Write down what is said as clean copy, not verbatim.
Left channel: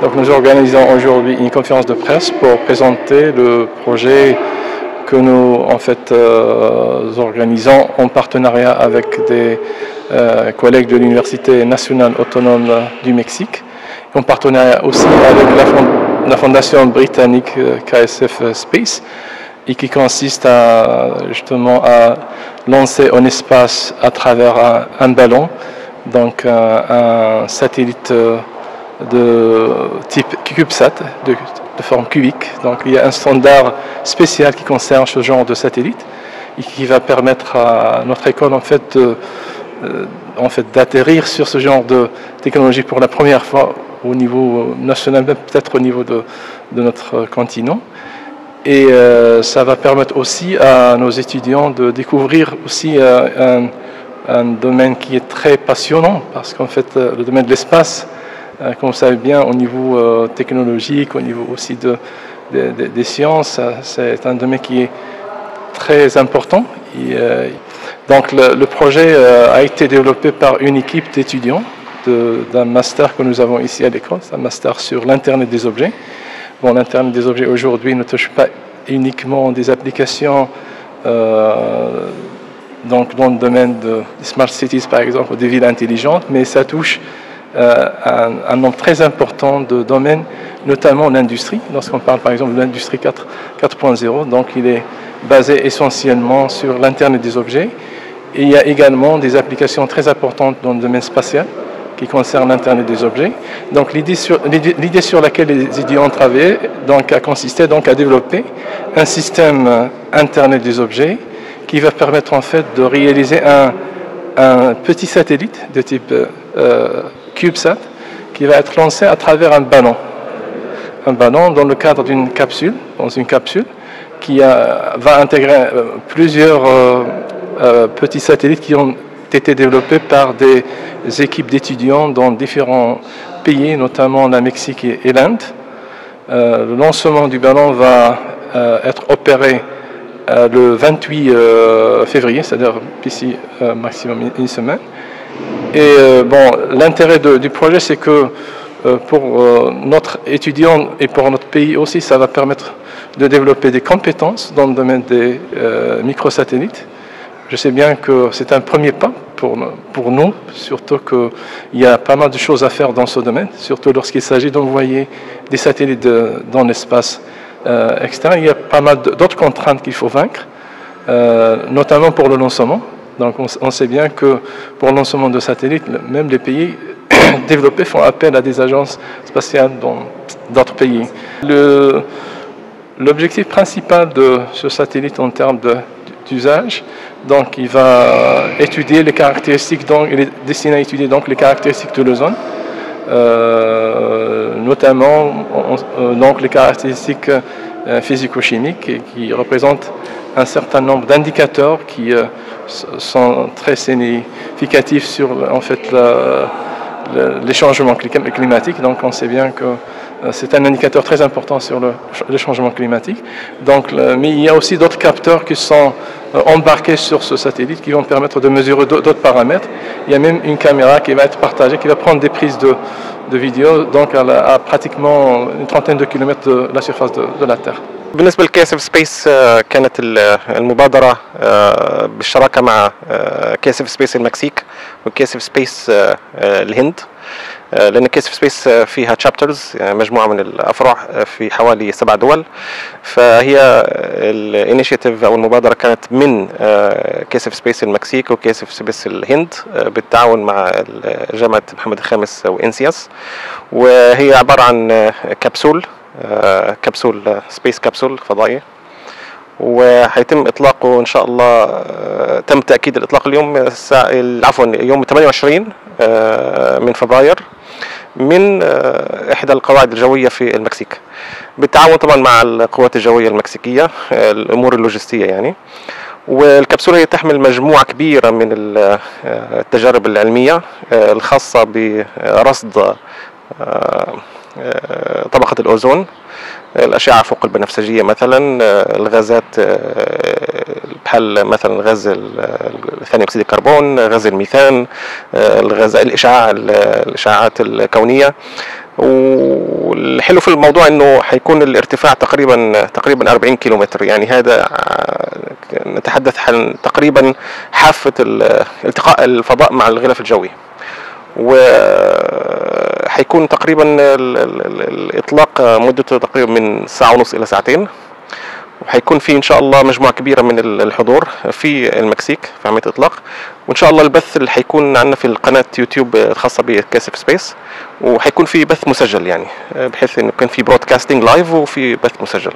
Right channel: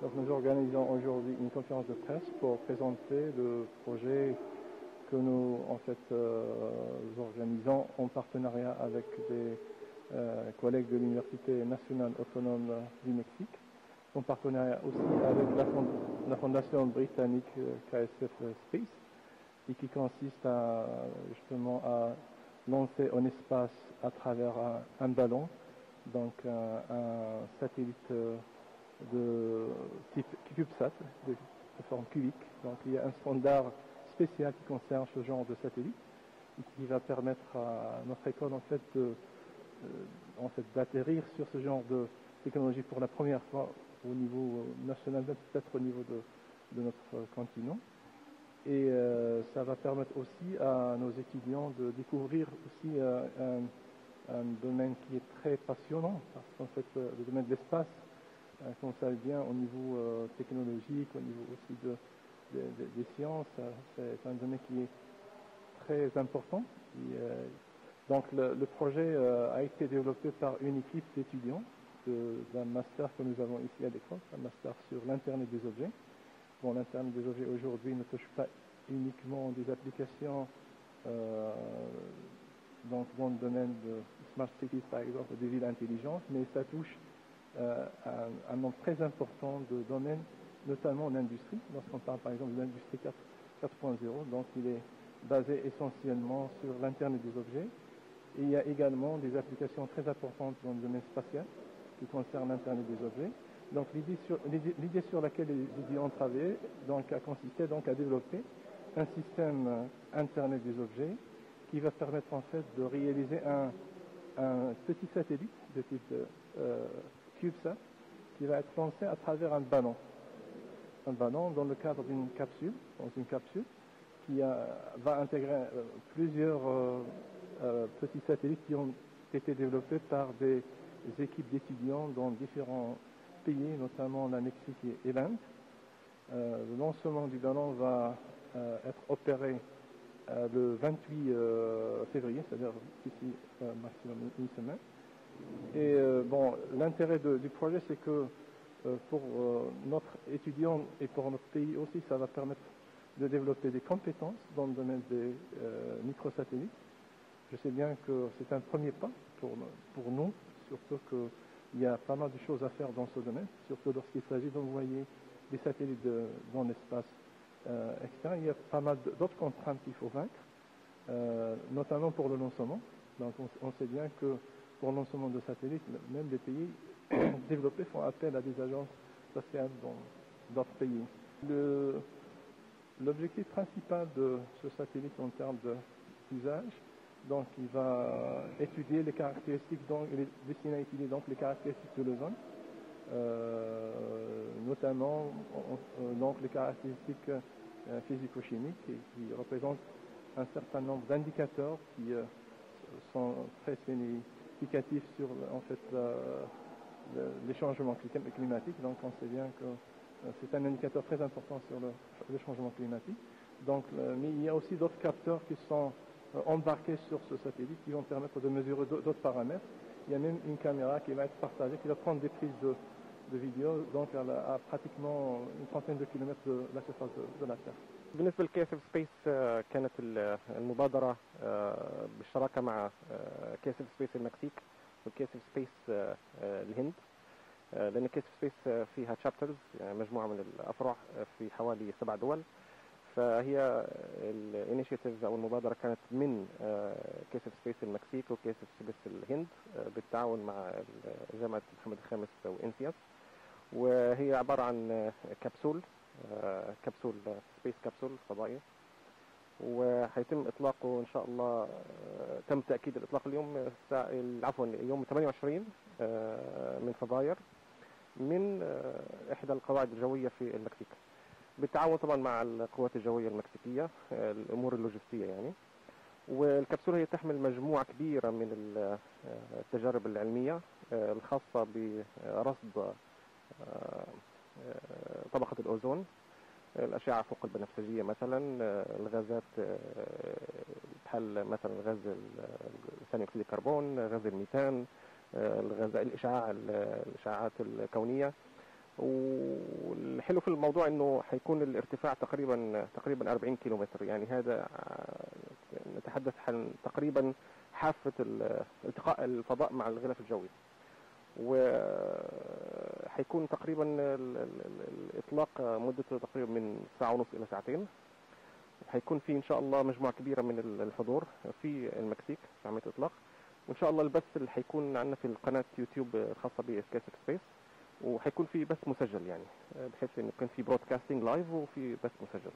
Donc nous organisons aujourd'hui une conférence de presse pour présenter le projet que nous organisons en partenariat avec des collègues de l'Université nationale autonome du Mexique, en partenariat aussi avec la fondation britannique KSF Space, et qui consiste justement à lancer en espace à travers un ballon, donc un satellite de type CubeSat, de forme cubique. Donc il y a un standard spécial qui concerne ce genre de satellite et qui va permettre à notre école d'atterrir sur ce genre de technologie pour la première fois au niveau national, même peut-être au niveau de notre continent. Et ça va permettre aussi à nos étudiants de découvrir aussi un domaine qui est très passionnant, parce qu'en fait le domaine de l'espace, comme vous savez bien, au niveau technologique, au niveau aussi des sciences, c'est un domaine qui est très important. Donc le projet a été développé par une équipe d'étudiants d'un master que nous avons ici à l'école, c'est un master sur l'Internet des objets. Bon, l'Internet des objets aujourd'hui ne touche pas uniquement des applications donc dans le domaine des smart cities par exemple, ou des villes intelligentes, mais ça touche un nombre très important de domaines, notamment l'industrie. Lorsqu'on parle par exemple de l'industrie 4.0, donc il est basé essentiellement sur l'Internet des objets. Et il y a également des applications très importantes dans le domaine spatial qui concernent l'Internet des objets. Donc l'idée sur laquelle les étudiants ont travaillé a consisté à développer un système Internet des objets qui va permettre en fait de réaliser un petit satellite de type CubeSat qui va être lancé à travers un ballon dans le cadre d'une capsule, qui va intégrer plusieurs petits satellites qui ont été développés par des équipes d'étudiants dans différents pays, notamment la Mexique et l'Inde. Le lancement du ballon va être opéré le 28 février, c'est-à-dire d'ici maximum une semaine. Et l'intérêt du projet, c'est que pour notre étudiant et pour notre pays aussi, ça va permettre de développer des compétences dans le domaine des microsatellites. Je sais bien que c'est un premier pas pour nous, surtout qu'il y a pas mal de choses à faire dans ce domaine, surtout lorsqu'il s'agit d'envoyer des satellites dans l'espace externe. Il y a pas mal d'autres contraintes qu'il faut vaincre, notamment pour le lancement. Donc on sait bien que pour le lancement de satellites, même les pays développés font appel à des agences spatiales dans d'autres pays. L'objectif principal de ce satellite en termes d'usage, donc il va étudier les caractéristiques, donc il est destiné à étudier donc les caractéristiques de l'ozone, notamment donc les caractéristiques physico-chimiques qui représentent un certain nombre d'indicateurs qui sont très significatifs sur en fait les changements climatiques. Donc on sait bien que c'est un indicateur très important sur le changement climatique. Donc, mais il y a aussi d'autres capteurs qui sont embarqués sur ce satellite qui vont permettre de mesurer d'autres paramètres. Il y a même une caméra qui va être partagée, qui va prendre des prises de vidéo donc à pratiquement une trentaine de kilomètres de la surface de la Terre. بالنسبة لكيسف سبيس كانت المبادرة بالشراكة مع كيسف سبيس المكسيك وكيسف سبيس الهند، لأن كيسف سبيس فيها تشابترز، مجموعة من الأفرع في حوالي 7 دول. فهي الانيشيتيف أو المبادرة كانت من كيسف سبيس المكسيك وكيسف سبيس الهند بالتعاون مع جامعة محمد الخامس وإنسياس، وهي عبارة عن كبسول سبيس كبسول فضائي، وهيتم اطلاقه ان شاء الله. تم تاكيد الاطلاق اليوم يوم 28 من فبراير من احدى القواعد الجويه في المكسيك، بالتعاون طبعا مع القوات الجويه المكسيكيه، الامور اللوجستيه يعني. والكبسولة هي تحمل مجموعة كبيرة من التجارب العلمية الخاصة برصد طبقة الأوزون، الأشعة فوق البنفسجية مثلا، الغازات بحال مثلا غاز ثاني أكسيد الكربون، غاز الميثان، الإشعاعات الكونية. والحلو في الموضوع انه هيكون الارتفاع تقريبا 40 كيلومتر، يعني هذا نتحدث عن تقريبا حافة التقاء الفضاء مع الغلاف الجوي. وهيكون تقريبا الإطلاق مدته تقريبا من ساعة ونص إلى ساعتين، وهيكون في إن شاء الله مجموعة كبيرة من الحضور في المكسيك في عملية الإطلاق. وإن شاء الله البث اللي هيكون عندنا في القناة يوتيوب الخاصة بكاسف سبيس، وهيكون في بث مسجل، يعني بحيث إنه كان في برودكاستنج لايف وفي بث مسجل.